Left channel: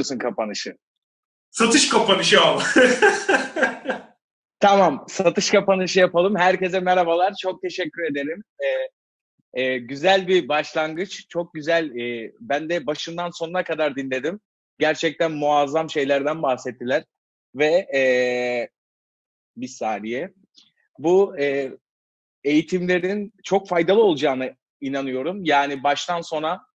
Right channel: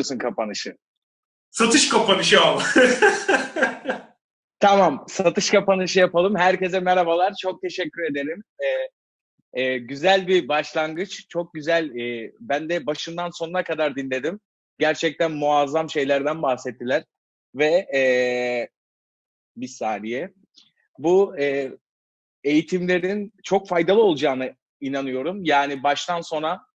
istiyorsun kapanışı? Satış kapanışı al. Tamam, satış kapanışı yapalım. Herkese merhabalar. Çok teşekkür ederim. Ee, e, güzel bir başlangıç. Çok güzel. e, ben de başından sonuna kadar dinledim. Gerçekten muazzam şeylerden bahsettiler. Ve e, bir saniye. Bu e, eğitimlerin çok faydalı olacağına inanıyorum. Yani baştan sona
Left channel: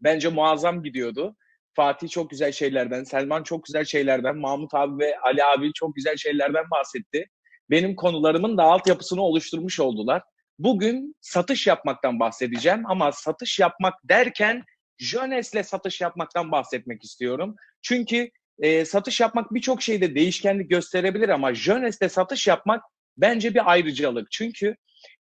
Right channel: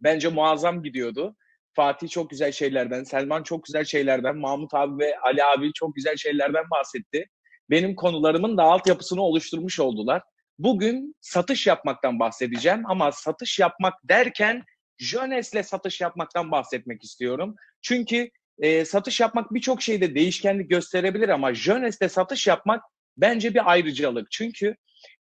bence muazzam gidiyordu. Fatih çok güzel şeylerden, Selman çok güzel şeylerden, Mahmut abi ve Ali abi çok güzel şeylerden bahsetti. Benim konularımın da altyapısını oluşturmuş oldular. Bugün satış yapmaktan bahsedeceğim ama satış yapmak derken Jönes'le satış yapmaktan bahsetmek istiyorum. Çünkü e, satış yapmak birçok şeyde değişkenlik gösterebilir ama Jönes'le satış yapmak bence bir ayrıcalık. Çünkü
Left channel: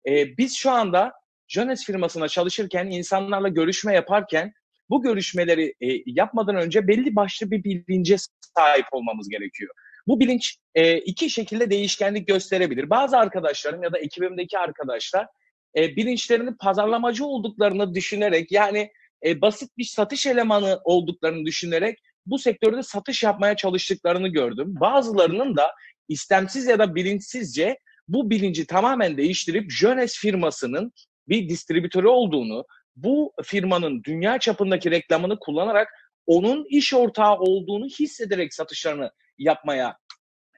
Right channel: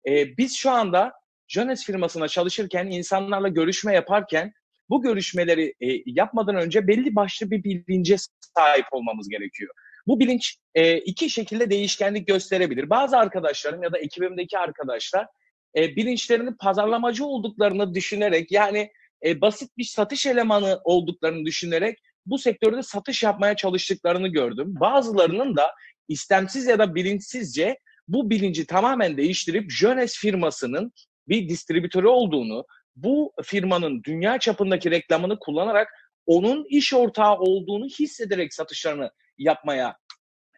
e, biz şu anda Jönes firmasına çalışırken, insanlarla görüşme yaparken bu görüşmeleri e, yapmadan önce belli başlı bir bilince sahip olmamız gerekiyor. Bu bilinç e, iki şekilde değişkenlik gösterebilir. Bazı arkadaşlarım ya da ekibimdeki arkadaşlar e, bilinçlerinin pazarlamacı olduklarını düşünerek yani e, basit bir satış elemanı olduklarını düşünerek bu sektörde satış yapmaya çalıştıklarını gördüm. Bazılarının da istemsiz ya da bilinçsizce bu bilinci tamamen değiştirip Jönes firmasının bir distribütörü olduğunu, bu firmanın dünya çapındaki reklamını kullanarak onun iş ortağı olduğunu hissederek satışlarını yapmaya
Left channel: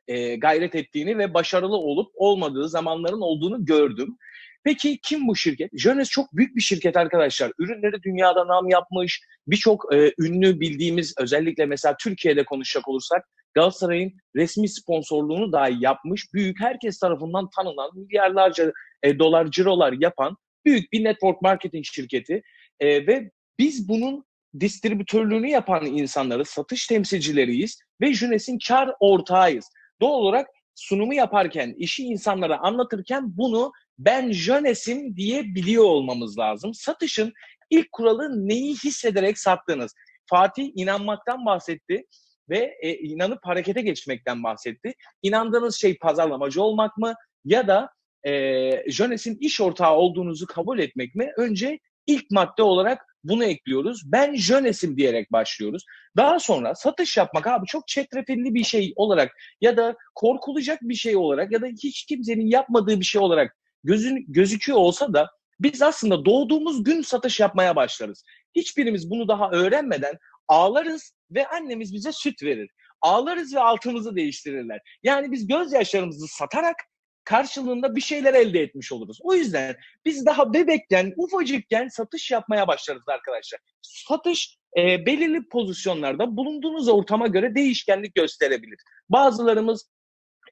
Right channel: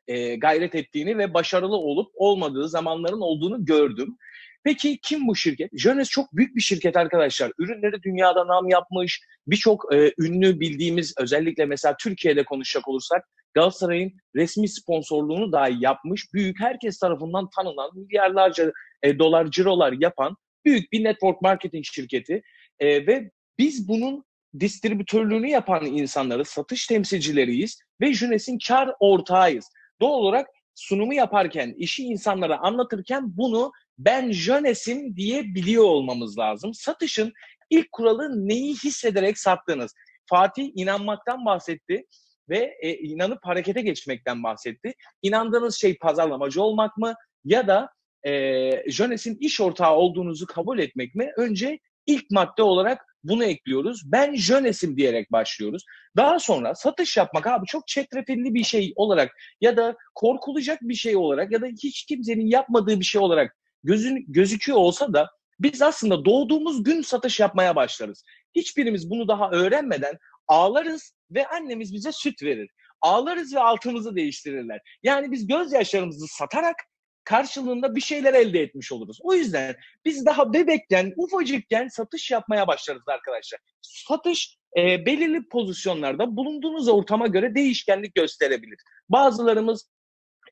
e, gayret ettiğini ve başarılı olup olmadığı zamanların olduğunu gördüm. Peki kim bu şirket? Jönes çok büyük bir şirket arkadaşlar. Ürünleri dünyada nam yapmış. Birçok e, ünlü bildiğimiz özellikle mesela Türkiye'de konuşacak olursak Galatasaray'ın resmi sponsorluğunu dahi yapmış. Büyük herkes tarafından tanınan milyarlarca e, dolar cirolar yapan büyük bir network marketing şirketi e, ve biz bunun distribütörlüğünü yapan insanları, satış temsilcileriyiz ve Junes'in kar ortağıyız. Doğal olarak sunumu yaparken, işi insanlara anlatırken bunu ben Jönes'im diye biliyor olmamız lazım. Satışın ilk kuralı neyi hissederek sattığınız. Fatih inanmaktan bahsetti ve e, inanıp harekete geçmekten bahsetti. İnandığınız şey pazarlamacı olmak mı ya da e, Jönes'in iş ortağı olduğunuzu kabul etmek mi? Önce ilk madde olarak bunu ekliyoruz. Ben Jönes'im diyerek başlıyoruz. Daha sonra satış yapmak abi çok çetrefilli bir şey olarak ya da korkulacak bir şey olarak ya da hiç kimsenin yapmadığı bir şey olarak gözün, gözüküyor olsa da biz aslında doğduğumuz gün satış yapmaya başlarız. Hiçbirimiz bunu daha öğrenmeden ağlarız ve annemiz bize süt verir. Ağlarız ve altımızı değiştirirler. Yani biz gözyaşlarımızı satarak karşılığında bir şeyler elde etmiş oluruz. O yüzden biz daha bebekken, ufacıkken satış yapmaya başlarız arkadaşlar. Satış e, belirli pozisyonlarda bulunduğunuz ortama göre değişkenlik gösterebilir. Bazılarımız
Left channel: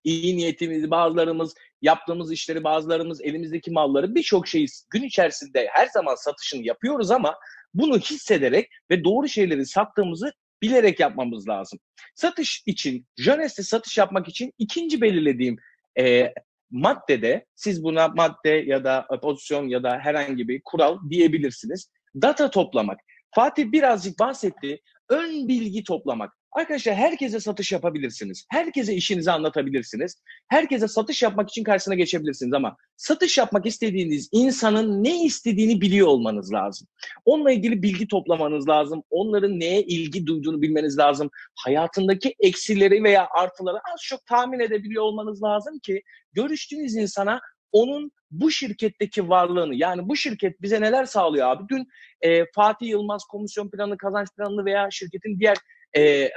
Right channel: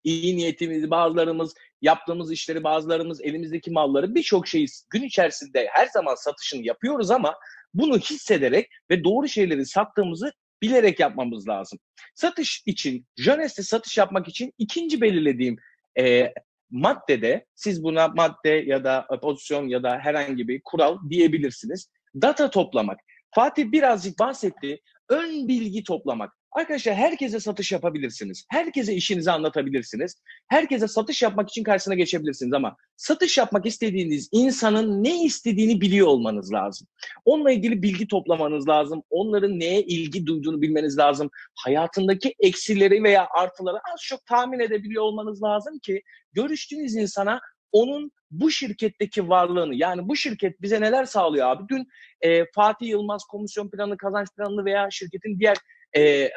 iyi niyetimizi, bazılarımız yaptığımız işleri, bazılarımız elimizdeki malları birçok şeyi gün içerisinde her zaman satışını yapıyoruz ama bunu hissederek ve doğru şeyleri sattığımızı bilerek yapmamız lazım. Satış için, Jönes'te satış yapmak için ikinci belirlediğim e, maddede siz buna madde ya da pozisyon ya da herhangi bir kural diyebilirsiniz. Data toplamak. Fatih birazcık bahsetti. Ön bilgi toplamak. Arkadaşlar herkese satış yapabilirsiniz. Herkese işinizi anlatabilirsiniz. Herkese satış yapmak için karşısına geçebilirsiniz ama satış yapmak istediğiniz insanın ne istediğini biliyor olmanız lazım. Onunla ilgili bilgi toplamanız lazım. Onların neye ilgi duyduğunu bilmeniz lazım. Hayatındaki eksileri veya artıları az çok tahmin edebiliyor olmanız lazım ki görüştüğünüz insana onun bu şirketteki varlığını yani bu şirket bize neler sağlıyor abi? Dün e, Fatih Yılmaz komisyon planı, kazanç planını veya şirketin diğer e,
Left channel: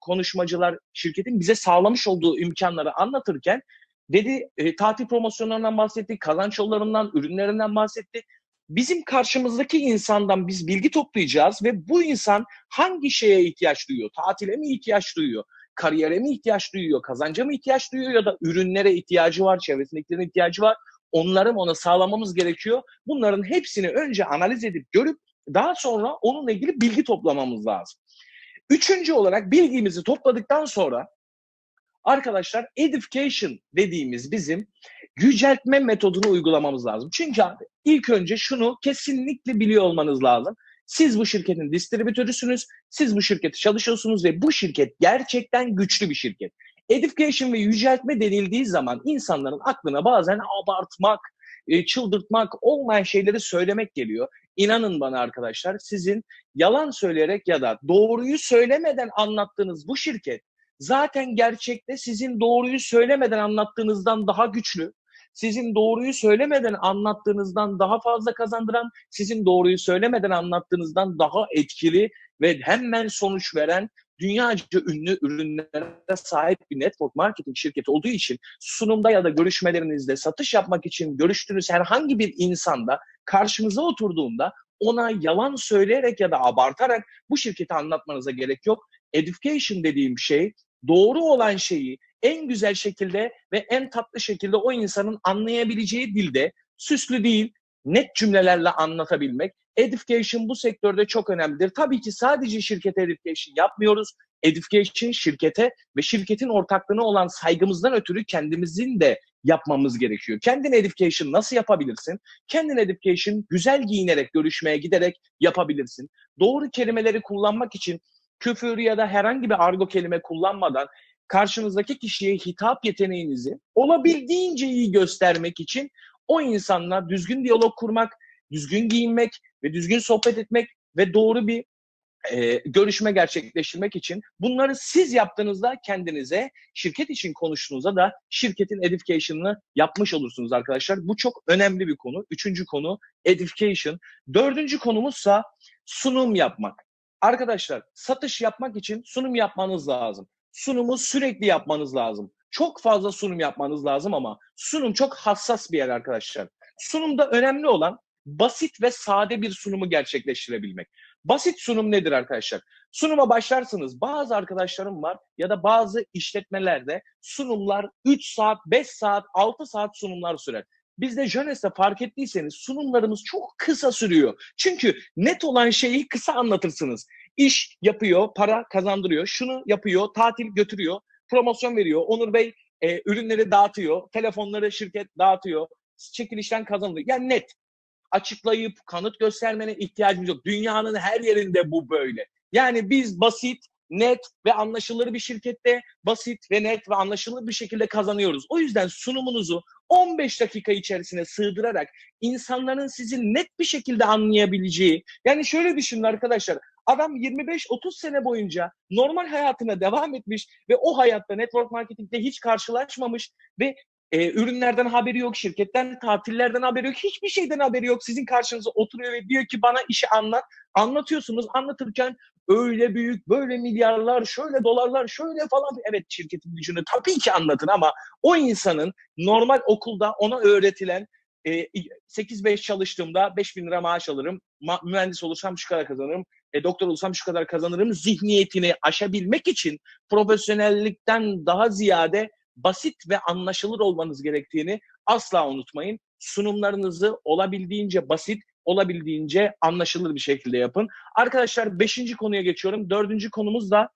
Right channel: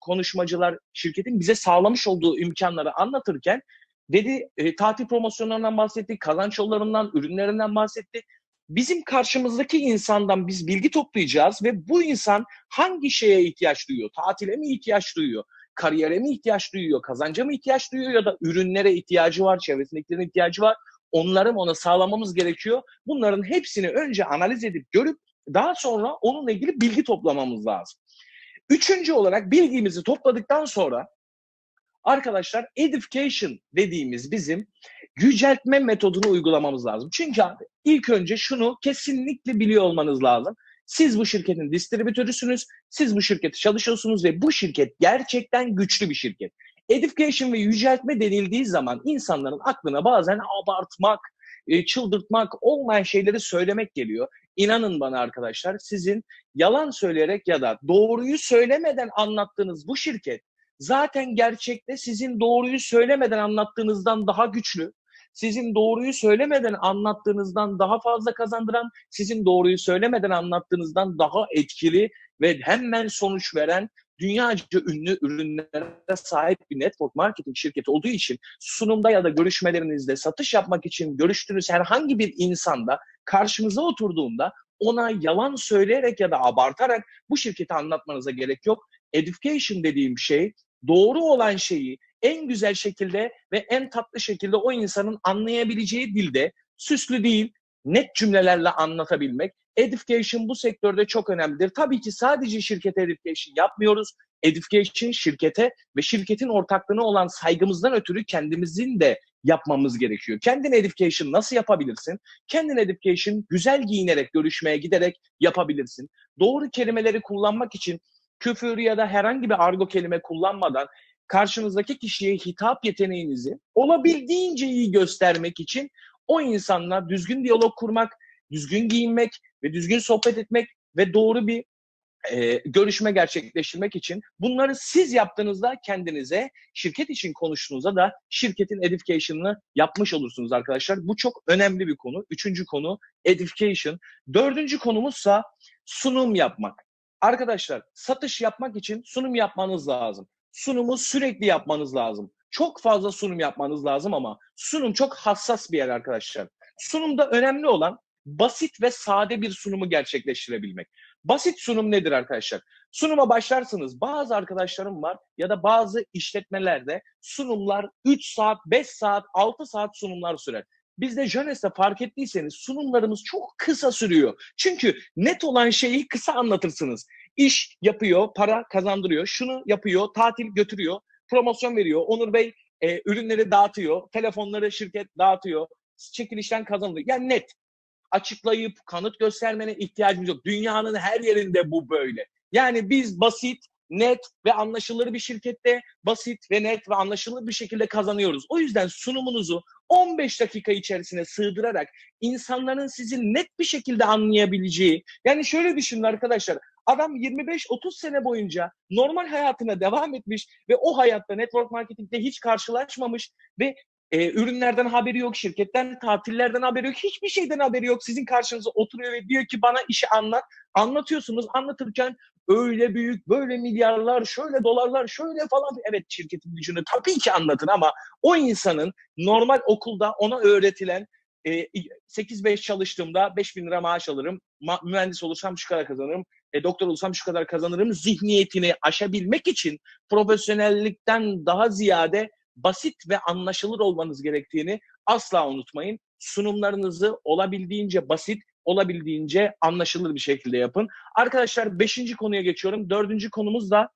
konuşmacılar şirketin bize sağlamış olduğu imkanları anlatırken dedi e, tatil promosyonlarından bahsetti, kazanç yollarından, ürünlerinden bahsetti. Bizim karşımızdaki insandan biz bilgi toplayacağız ve bu insan hangi şeye ihtiyaç duyuyor? Tatile mi ihtiyaç duyuyor? Kariyere mi ihtiyaç duyuyor? Kazanca mı ihtiyaç duyuyor? Ya da ürünlere ihtiyacı var, çevresindekilerin ihtiyacı var. Onları ona sağlamamız gerekiyor. Bunların hepsini önce analiz edip görüp daha sonra onunla ilgili bilgi toplamamız lazım. Üçüncü olarak bilgimizi topladıktan sonra arkadaşlar edification dediğimiz bizim yüceltme metodunu uygulamamız lazım. Çünkü abi ilk önce şunu kesinlikle biliyor olmanız lazım. Siz bu şirketin distribütörüsünüz, siz bu şirkette çalışıyorsunuz ve bu şirket gerçekten güçlü bir şirket. Edification ve yüceltme denildiği zaman insanların aklına bazen abartmak, e, çıldırtmak, olmayan şeyleri söylemek geliyor. İnanın bana arkadaşlar sizin yalan söyleyerek ya da doğruyu söylemeden anlattığınız bu şirket zaten gerçekte sizin doğruyu söylemeden anlattığınızdan daha güçlü, sizin doğruyu söylemeden anlattığınızdan daha fazla kazandıran, sizin doğruyu söylemeden anlattığınızdan daha etkili ve hemen sonuç veren dünyaca ünlü ürünlere sahip bir network marketing şirketi olduğu için sunumda ya da görüşmelerinizde satış yapmak için görüştüğünüz herhangi bir insanda karşınıza oturduğunda ona yalan söyleyerek ya da abartarak bu şirketi anlatmanıza gerek yok. Education dediğim şey doğru olan şeyi en güzel şekilde ve en tatlı şekilde o insanın anlayabileceği dilde süslü değil, net cümlelerle anlatabilmek. Education bu sektörde çok önemlidir. Tabii ki sadece şirkete education yapmıyoruz. Education şirkete ve şirketin ortaklığına olan saygımızdan ötürü kendimizin de yapmamız gerekiyor. Kendin education nasıl yapabilirsin? Kendin education güzel giyinerek, görüşmeye giderek yapabilirsin. Doğru kelimeleri kullanmak için küfür ya da herhangi bir argo kelime kullanmadan karşınızdaki kişiye hitap yeteneğinizi olabildiğince iyi göstermek için o insanla düzgün diyalog kurmak, düzgün giyinmek ve düzgün sohbet etmek ve doğru bir e, görüşme gerçekleştirmek için bunları siz yaptığınızda kendinize, şirket için konuştuğunuzda da şirketin education'ını yapmış olursunuz arkadaşlar. Bu çok önemli bir konu. Üçüncü konu education. Dördüncü konumuzsa sunum yapmak. Arkadaşlar satış yapmak için sunum yapmanız lazım. Sunumu sürekli yapmanız lazım. Çok fazla sunum yapmanız lazım ama sunum çok hassas bir yer arkadaşlar. Sunumda önemli olan basit ve sade bir sunumu gerçekleştirebilmek. Basit sunum nedir arkadaşlar? Sunuma başlarsınız. Bazı arkadaşlarım var ya da bazı işletmelerde sunumlar 3 saat, 5 saat, 6 saat sunumlar sürer. Bizde Jönes'te fark ettiyseniz sunumlarımız çok kısa sürüyor. Çünkü net olan şeyi kısa anlatırsınız. İş yapıyor, para kazandırıyor, şunu yapıyor, tatil götürüyor, promosyon veriyor. Onur Bey e, ürünleri dağıtıyor, telefonları şirket dağıtıyor, çekilişten kazanılıyor. Yani net açıklayıp kanıt göstermene ihtiyacımız yok. Dünyanın her yerinde bu böyle. Yani biz basit, net ve anlaşılır bir şirkette basit ve net ve anlaşılır bir şekilde kazanıyoruz. O yüzden sunumunuzu 15 dakika içerisine sığdırarak insanların sizi net bir şekilde anlayabileceği, yani şöyle düşünün arkadaşlar, adam 25-30 sene boyunca normal hayatına devam etmiş ve o hayatta network marketingde hiç karşılaşmamış ve e, ürünlerden haberi yok, şirketten, tatillerden haberi yok, hiçbir şeyden haberi yok. Sizin karşınıza oturuyor ve diyor ki bana işi anlat. Anlatıyorsunuz, anlatırken öyle büyük, böyle milyarlar, şöyle dolarlar, şöyle falan. Evet şirketin gücünü tabii ki anlatın ama o insanın normal okulda ona öğretilen e, 8-5 çalıştığımda 5 bin lira maaş alırım, ma- mühendis olursam şu kadar kazanırım, e, doktor olsam şu kadar kazanırım zihniyetini aşabilmek için profesyonellikten daha ziyade basit ve anlaşılır olmanız gerektiğini asla unutmayın. Sunumlarınızı olabildiğince basit, olabildiğince anlaşılır bir şekilde yapın. Arkadaşlar beşinci konuya geçiyorum. Dördüncü konumuz da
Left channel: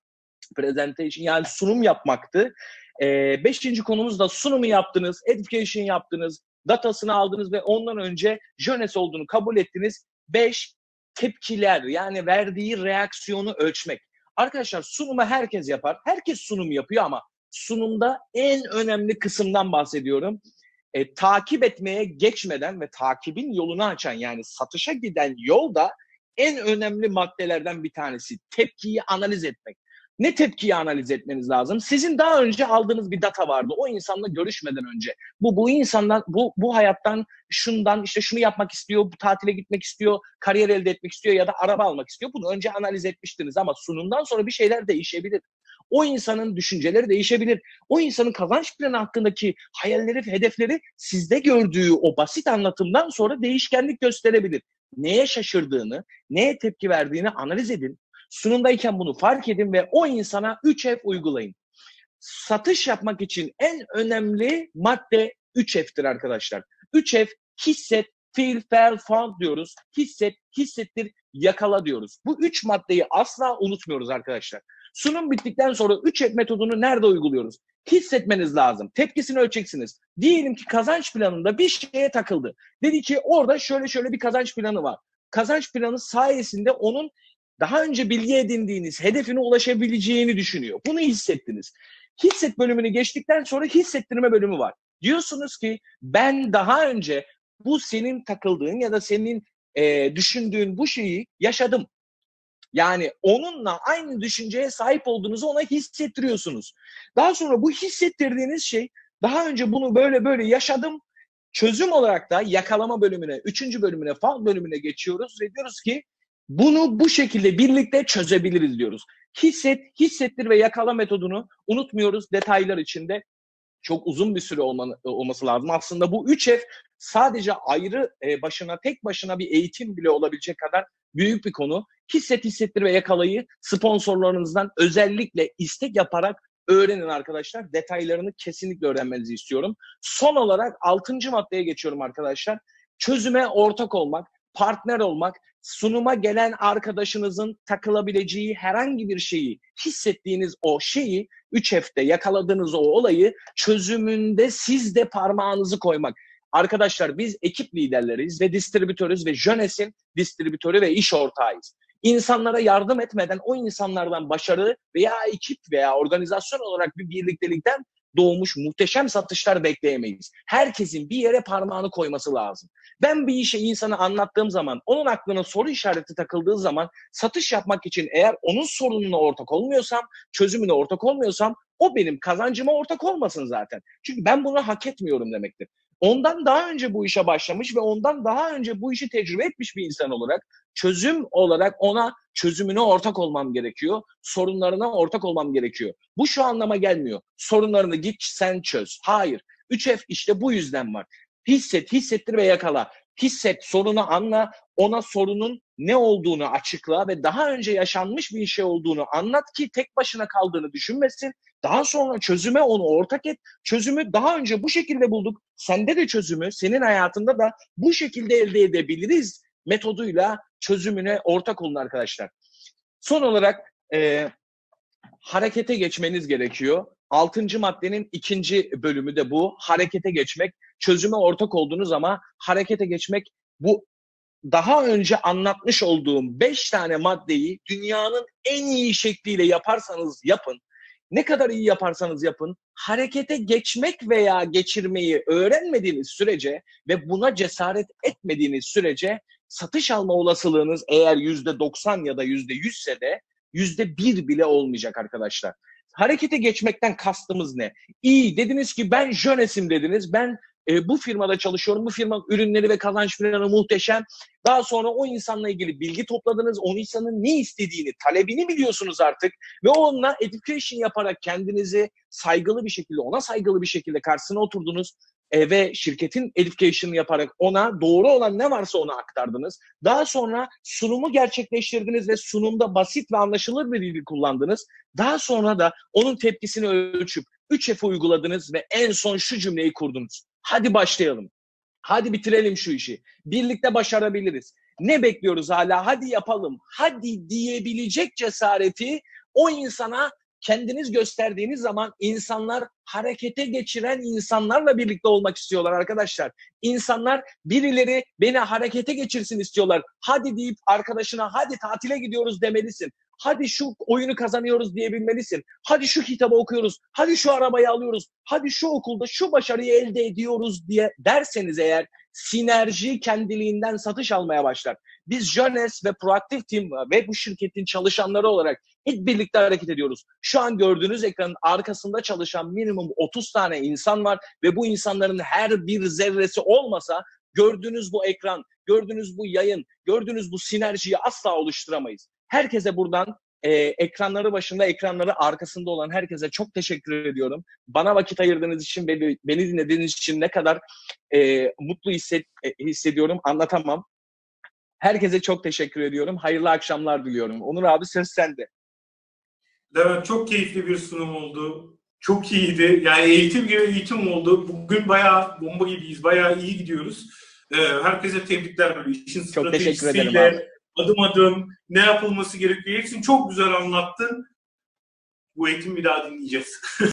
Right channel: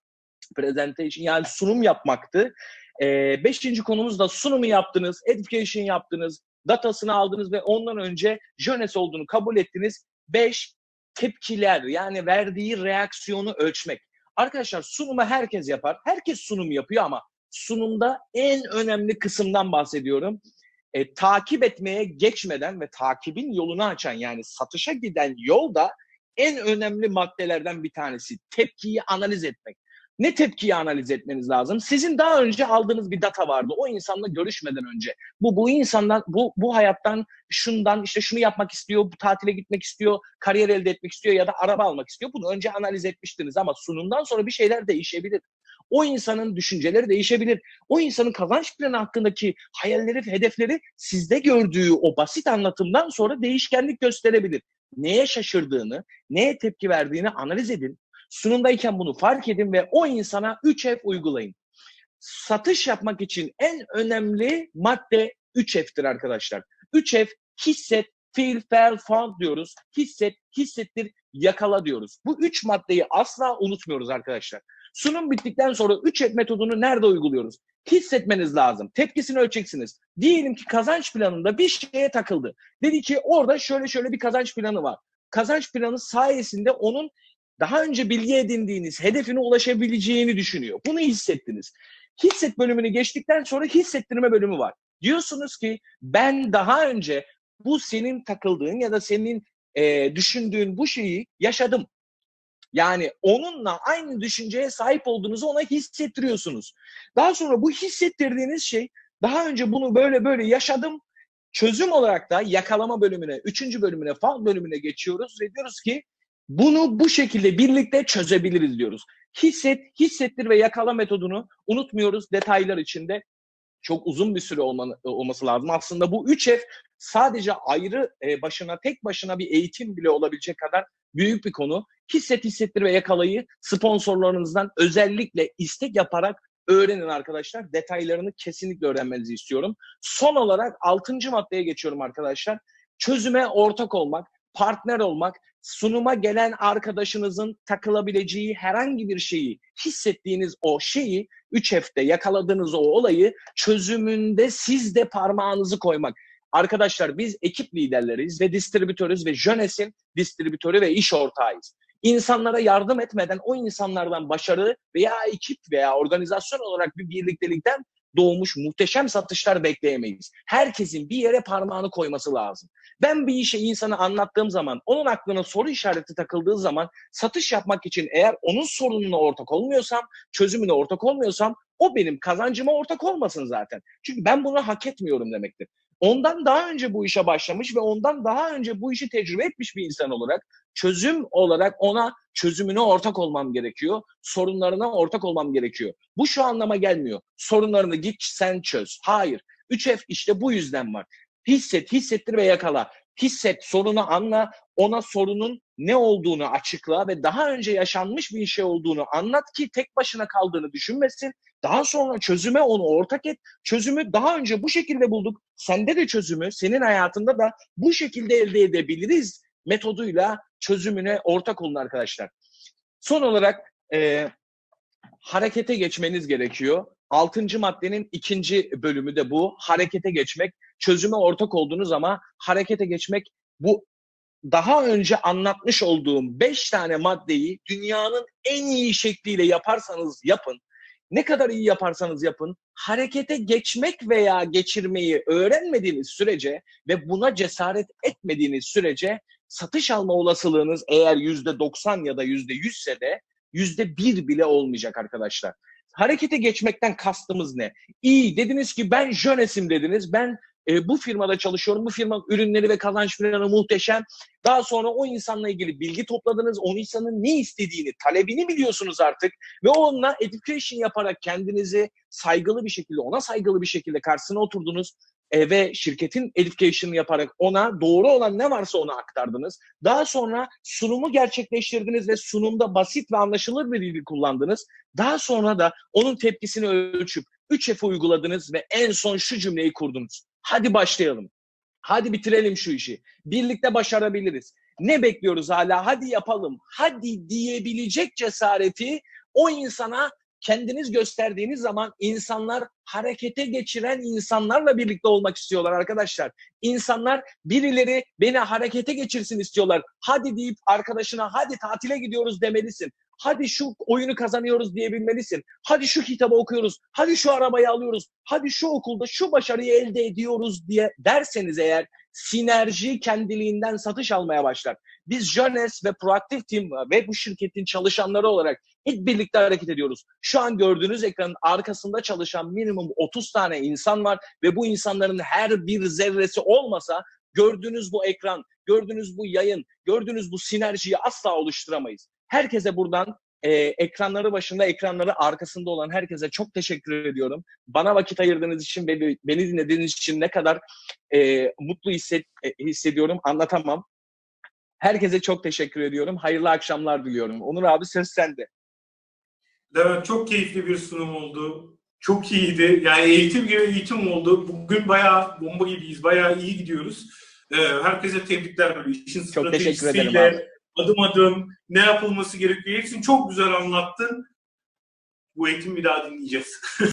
presentation yani sunum yapmaktı. Ee, beşinci konumuz da sunumu yaptınız, education yaptınız, datasını aldınız ve ondan önce jönes olduğunu kabul ettiniz. Beş, tepkiler yani verdiği reaksiyonu ölçmek. Arkadaşlar sunumu herkes yapar. Herkes sunum yapıyor ama sunumda en önemli kısımdan bahsediyorum. E, takip etmeye geçmeden ve takibin yolunu açan yani satışa giden yolda en önemli maddelerden bir tanesi tepkiyi analiz etmek. Ne tepkiyi analiz etmeniz lazım? Sizin daha önce aldığınız bir data vardı. O insanla görüşmeden önce. Bu bu insandan bu bu hayattan şundan işte şunu yapmak istiyor, bu tatile gitmek istiyor, kariyer elde etmek istiyor ya da araba almak istiyor. Bunu önce analiz etmiştiniz ama sunumdan sonra bir şeyler değişebilir. O insanın düşünceleri değişebilir. O insanın kazanç planı hakkındaki hayalleri hedefleri sizde gördüğü o basit anlatımdan sonra değişkenlik gösterebilir. Neye şaşırdığını, neye tepki verdiğini analiz edin. Sunumdayken bunu fark edin ve o insana 3F uygulayın. Satış yapmak için en önemli madde 3F'tir arkadaşlar. 3F hisset, feel, feel, found diyoruz. Hisset, hissettir, yakala diyoruz. Bu üç maddeyi asla unutmuyoruz arkadaşlar. Sunum bittikten sonra 3F metodunu nerede uyguluyoruz? Hissetmeniz lazım. Tepkisini ölçeceksiniz. Diyelim ki kazanç planında bir şeye takıldı. Dedi ki orada şöyle şöyle bir kazanç planı var. Kazanç planı sayesinde onun daha önce bilgi edindiğiniz hedefine ulaşabileceğini düşünüyor. Bunu hissettiniz. Hisset bölümünü geçtikten sonra hissettirme bölümü var. Diyorsunuz ki ben daha önce bu senin takıldığın ya da senin e, düşündüğün bu şeyi yaşadım. Yani onunla aynı düşünceye sahip olduğunuzu ona hissettiriyorsunuz. Daha sonra bu hissettirdiğiniz şey daha önce bunu böyle böyle yaşadım. Çözüm olarak da yakalama bölümüne, üçüncü bölümüne, fal bölümüne geçiyoruz ve diyoruz ki bunu bu şekilde birlikte çözebiliriz diyoruz. Hisset, hissettir ve yakala metodunu unutmuyoruz detaylar içinde. Çok uzun bir süre olmanı, olması lazım. Aslında bu 3 F sadece ayrı e, başına, tek başına bir eğitim bile olabilecek kadar büyük bir konu. Hisset, hissettir ve yakalayı sponsorlarınızdan özellikle istek yaparak öğrenin arkadaşlar. Detaylarını kesinlikle öğrenmenizi istiyorum. Son olarak 6. maddeye geçiyorum arkadaşlar. Çözüme ortak olmak, partner olmak, sunuma gelen arkadaşınızın takılabileceği herhangi bir şeyi, hissettiğiniz o şeyi 3 F'te yakaladığınız o olayı çözümünde siz de parmağınızı koymak. Arkadaşlar biz ekip liderleriyiz ve distribütörüz ve Jönes'in distribütörü ve iş ortağıyız. İnsanlara yardım etmeden o insanlardan başarı veya ekip veya organizasyon olarak bir birliktelikten doğmuş muhteşem satışlar bekleyemeyiz. Herkesin bir yere parmağını koyması lazım. Ben bir işe insana anlattığım zaman, onun aklına soru işareti takıldığı zaman satış yapmak için eğer onun sorununa ortak olmuyorsam, çözümüne ortak olmuyorsam o benim kazancıma ortak olmasın zaten. Çünkü ben bunu hak etmiyorum demektir. Ondan daha önce bu işe başlamış ve ondan daha önce bu işi tecrübe etmiş bir insan olarak çözüm olarak ona çözümüne ortak olmam gerekiyor. Sorunlarına ortak olmam gerekiyor. Bu şu anlama gelmiyor. Sorunlarını git sen çöz. Hayır. 3F işte bu yüzden var. Hisset, hissettir ve yakala. Hisset, sorunu anla, ona sorunun ne olduğunu açıkla ve daha önce yaşanmış bir şey olduğunu anlat ki tek başına kaldığını düşünmesin. Daha sonra çözüme onu ortak et. Çözümü daha önce bu şekilde bulduk. Sende de çözümü, senin hayatında da bu şekilde elde edebiliriz metoduyla çözümüne ortak olun arkadaşlar. Son olarak e, harekete geçmeniz gerekiyor. Altıncı maddenin ikinci bölümü de bu. Harekete geçmek. Çözüme ortak olduğunuz ama harekete geçmek bu daha önce anlatmış olduğum beş tane maddeyi dünyanın en iyi şekliyle yaparsanız yapın. Ne kadar iyi yaparsanız yapın, harekete geçmek veya geçirmeyi öğrenmediğiniz sürece ve buna cesaret etmediğiniz sürece satış alma olasılığınız eğer yüzde 90 ya da yüzde 100 ise de yüzde bir bile olmayacak arkadaşlar. Harekete geçmekten kastımız ne? İyi dediniz ki ben Jönes'im dediniz. Ben e, bu firmada çalışıyorum. Bu firmanın ürünleri ve kazanç planı muhteşem. Daha sonra o insanla ilgili bilgi topladınız. O insanın ne istediğini, talebini biliyorsunuz artık. Ve onunla education yaparak kendinizi saygılı bir şekilde, ona saygılı bir şekilde karşısına oturdunuz. Ve şirketin education'ı yaparak ona doğru olan ne varsa ona aktardınız. Daha sonra sunumu gerçekleştirdiniz ve sunumda basit ve anlaşılır bir dil kullandınız. Daha sonra da onun tepkisini ölçüp 3F uyguladınız ve en son şu cümleyi kurdunuz. Hadi başlayalım. Hadi bitirelim şu işi. Birlikte başarabiliriz. Ne bekliyoruz hala? Hadi yapalım. Hadi diyebilecek cesareti o insana kendiniz gösterdiğiniz zaman insanlar harekete geçiren insanlarla birlikte olmak istiyorlar arkadaşlar. İnsanlar birileri beni harekete geçirsin istiyorlar. Hadi deyip arkadaşına hadi tatile gidiyoruz demelisin. Hadi şu oyunu kazanıyoruz diyebilmelisin. Hadi şu kitabı okuyoruz. Hadi şu arabayı alıyoruz. Hadi şu okulda şu başarıyı elde ediyoruz diye derseniz eğer sinerji kendiliğinden satış almaya başlar. Biz Jones ve Proactive Team ve bu şirketin çalışanları olarak hep birlikte hareket ediyoruz. Şu an gördüğünüz ekranın arkasında çalışan minimum 30 tane insan var ve bu insanların her bir zerresi olmasa gördüğünüz bu ekran, gördüğünüz bu yayın, gördüğünüz bu sinerjiyi asla oluşturamayız. Herkese buradan e, ekranları başında, ekranları arkasında olan herkese çok teşekkür ediyorum. Bana vakit ayırdığınız için, beni, beni dinlediğiniz için ne kadar e, mutlu hisset, e, hissediyorum anlatamam. Herkese çok teşekkür ediyorum. Hayırlı akşamlar diliyorum. Onur abi söz sende. Levent çok keyifli bir sunum oldu. Çok iyiydi. Yani eğitim gibi eğitim oldu. Bugün bayağı bomba gibiyiz. Bayağı iyi gidiyoruz. Ee, herkese tebrikler böyle işin Çok teşekkür ederim stratejisiyle, abi. adım adım ne yapılması gerekiyor. Hepsini çok güzel anlattın. Bu eğitimi bir daha dinleyeceğiz.